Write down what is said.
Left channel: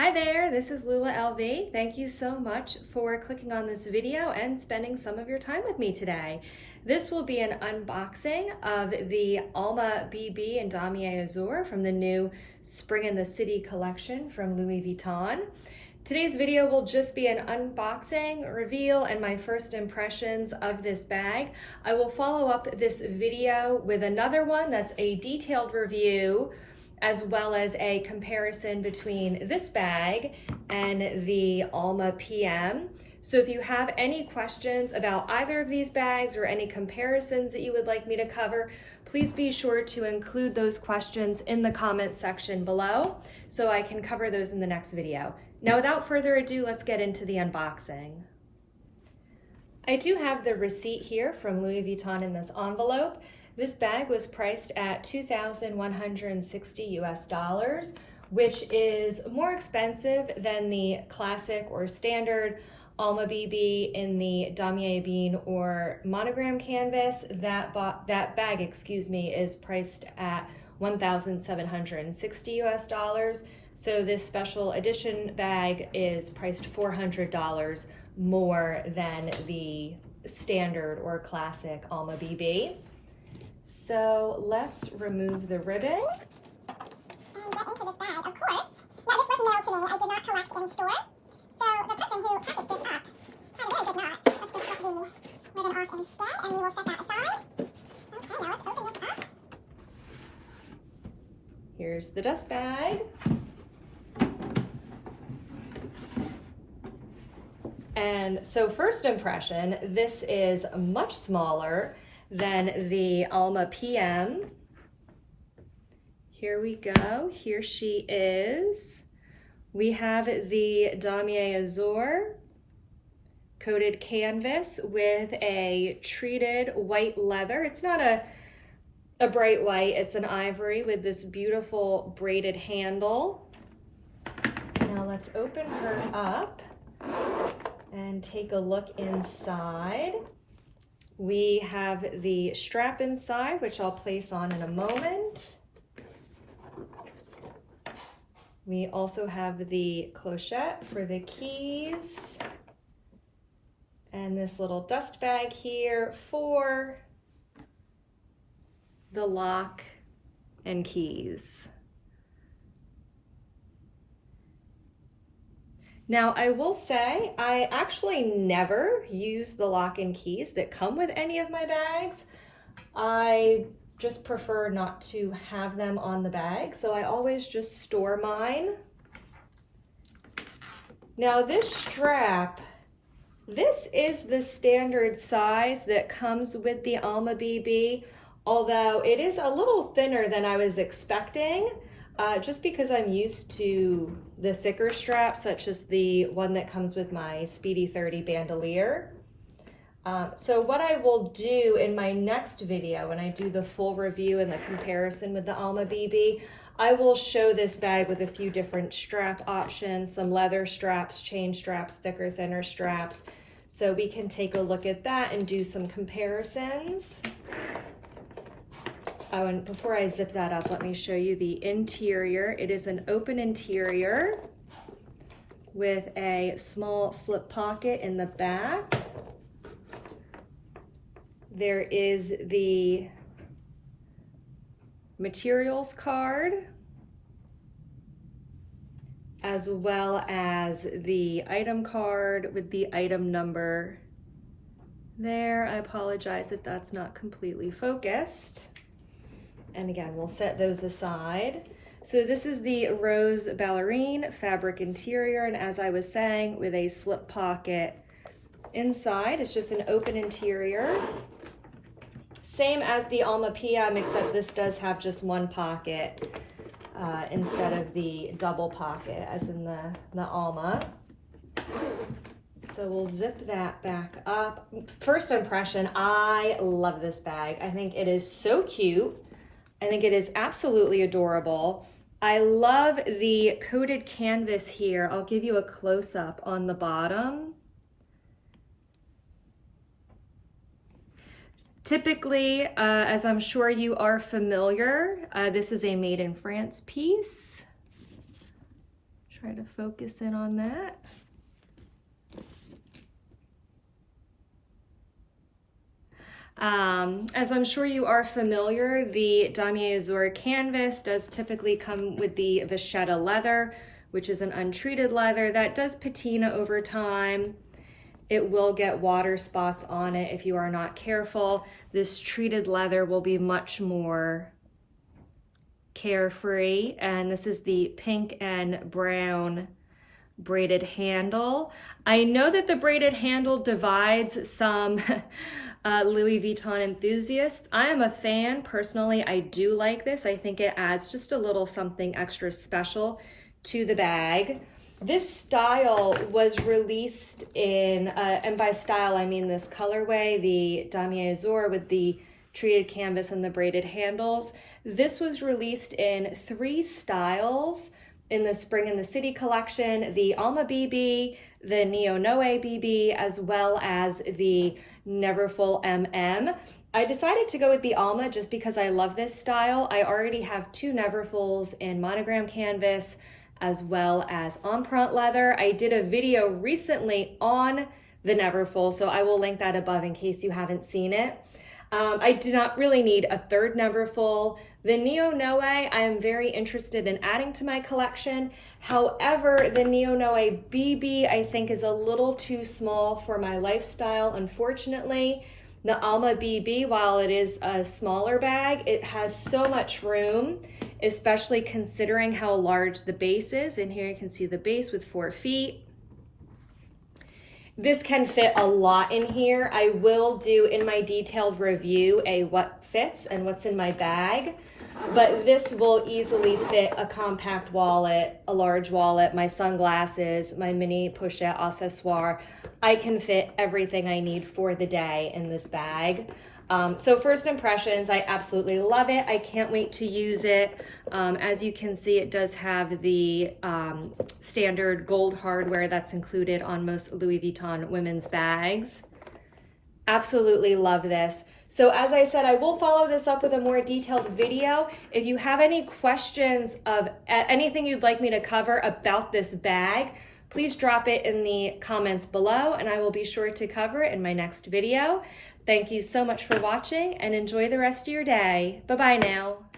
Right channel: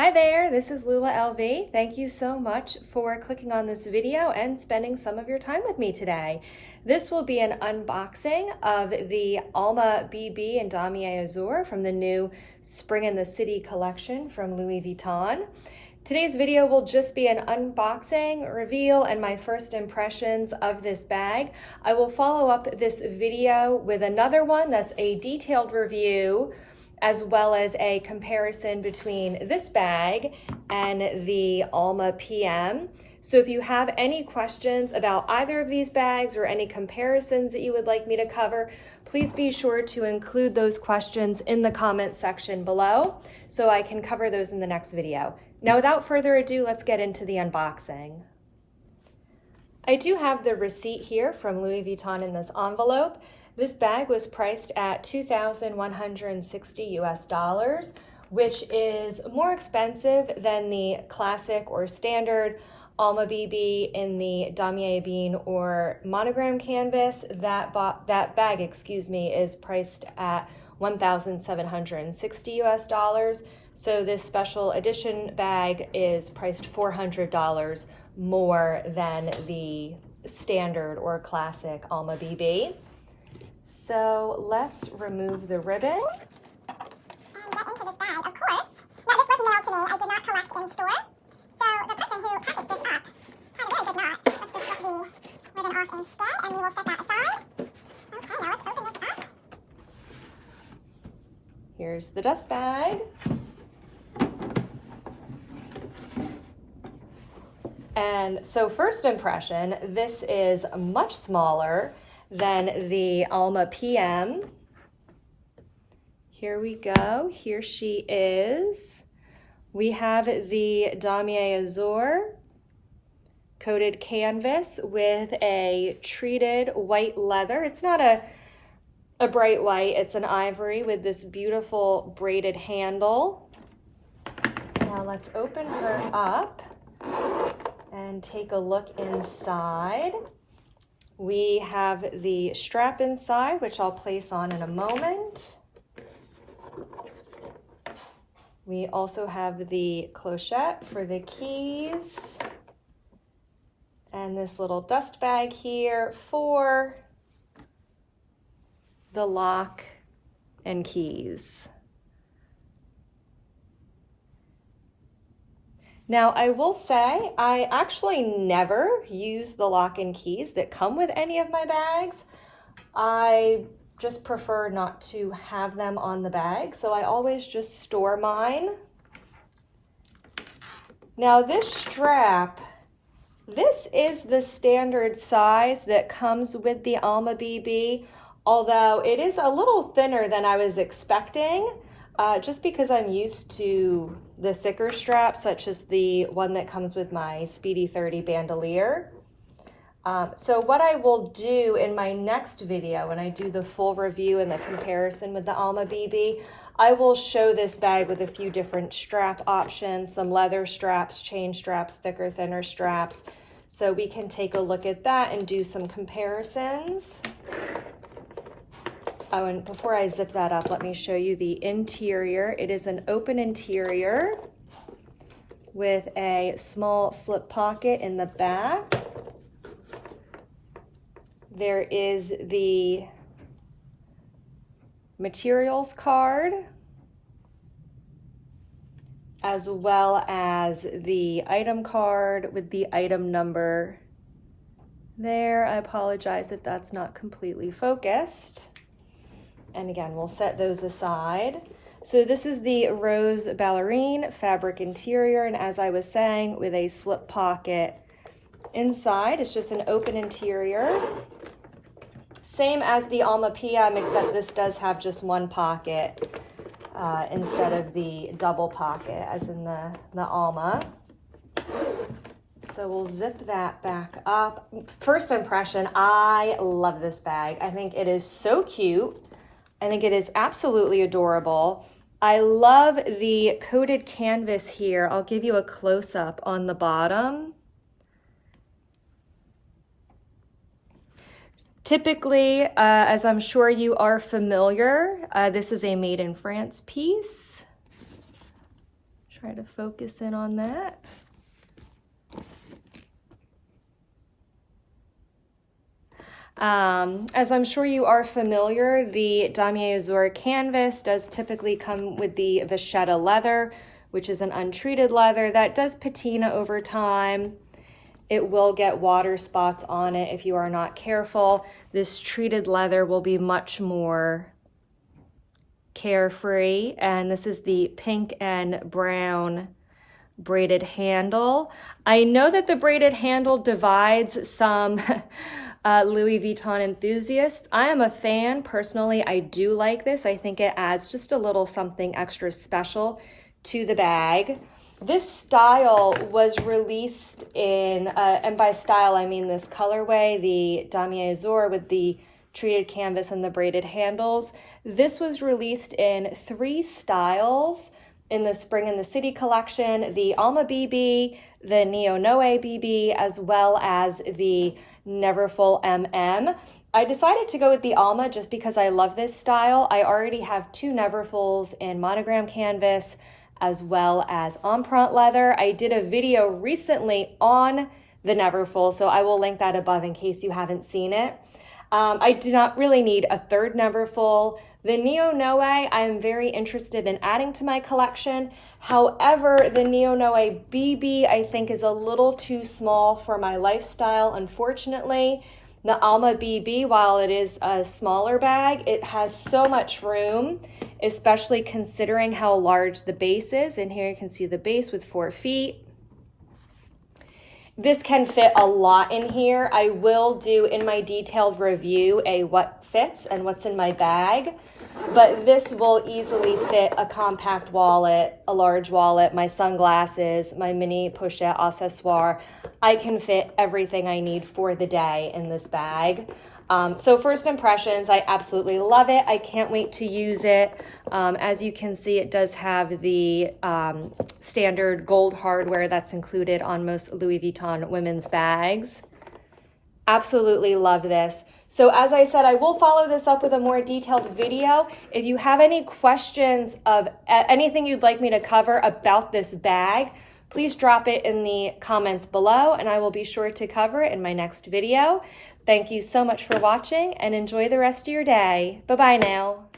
Hi there, this is Lula LV. Thank you so much for clicking on this video and spending some of your time with me today. This will be an unboxing of the Alma BB and Damier Azur from the new Spring in the City collection from Louis Vuitton. Today's video will just be an unboxing, reveal, and my first impressions of this bag. I will follow up this video with another one that's a detailed review as well as a comparison between this bag and the Alma PM. So if you have any questions about either of these bags or any comparisons that you would like me to cover, please be sure to include those questions in the comment section below so I can cover those in the next video. Now, without further ado, let's get into the unboxing. I do have the receipt here from Louis Vuitton in this envelope. This bag was priced at $2,160 US, which is more expensive than the classic or standard Alma BB in the Damier bean or monogram canvas. That bag, is priced at $1,760 US. So this special edition bag is priced $400 more than the standard or classic Alma BB. So let's remove the ribbon. And get into this bag, of course. Now this was mailed to me. I did not collect in store. So the person who packaged this up had a very good knot. Let's just cut the ribbon off instead, and we will set that aside. Okay, now let's open this up. Here's the dust bag. And so first impression, this is much smaller than the Alma PM. Here we go, here she is. We have the Damier Azur coated canvas with a treated white leather. It's not a bright white, it's an ivory with this beautiful braided handle. Now let's open her up and take a look inside. We have the strap inside, which I'll place on in a moment. We also have the clochette for the keys. And this little dust bag here for the lock and keys. Now, I will say, I actually never use the lock and keys that come with any of my bags. I just prefer not to have them on the bag, so I always just store mine. Now, this strap, this is the standard size that comes with the Alma BB, although it is a little thinner than I was expecting. Just because I'm used to the thicker straps, such as the one that comes with my Speedy 30 bandolier. So what I will do in my next video, when I do the full review and the comparison with the Alma BB, I will show this bag with a few different strap options, some leather straps, chain straps, thicker, thinner straps. So we can take a look at that and do some comparisons. Oh, and before I zip that up, let me show you the interior. It is an open interior with a small slip pocket in the back. There is the materials card, as well as the item card with the item number there. I apologize if that's not completely focused. And again, we'll set those aside. So this is the rose ballerine fabric interior, and as I was saying, with a slip pocket inside. It's just an open interior. Same as the Alma PM, except this does have just one pocket instead of the double pocket as in the Alma. So we'll zip that back up. First impression, I love this bag. I think it is so cute. I think it is absolutely adorable. I love the coated canvas here. I'll give you a close-up on the bottom. Typically, as I'm sure you are familiar, this is a made in France piece. Try to focus in on that. As I'm sure you are familiar, the Damier Azur canvas does typically come with the vachetta leather, which is an untreated leather that does patina over time. It will get water spots on it if you are not careful. This treated leather will be much more carefree, and this is the pink and brown braided handle. I know that the braided handle divides some Louis Vuitton enthusiasts. I am a fan personally. I do like this. I think it adds just a little something extra special to the bag. This style was released in, and by style I mean this colorway, the Damier Azur with the treated canvas and the braided handles. This was released in 3 styles in the Spring in the City collection, the Alma BB, the Neo Noe BB, as well as the Neverfull MM. I decided to go with the Alma just because I love this style. I already have 2 Neverfulls in monogram canvas as well as empreinte leather. I did a video recently on the Neverfull, so I will link that above in case you haven't seen it. I do not really need a 3rd Neverfull. The Neo Noe I am very interested in adding to my collection. However, the Neo Noe BB I think is a little too small for my lifestyle, unfortunately. The Alma BB, while it is a smaller bag, it has so much room, especially considering how large the base is. And here you can see the base with 4 feet. This can fit a lot in here. I will do in my detailed review a what fits and what's in my bag, but this will easily fit a compact wallet, a large wallet, my sunglasses, my mini pochette accessoire. I can fit everything I need for the day in this bag. So first impressions, I absolutely love it. I can't wait to use it. As you can see, it does have the standard gold hardware that's included on most Louis Vuitton women's bags. Absolutely love this. So as I said, I will follow this up with a more detailed video. If you have any questions of anything you'd like me to cover about this bag, please drop it in the comments below and I will be sure to cover it in my next video. Thank you so much for watching and enjoy the rest of your day. Bye-bye now.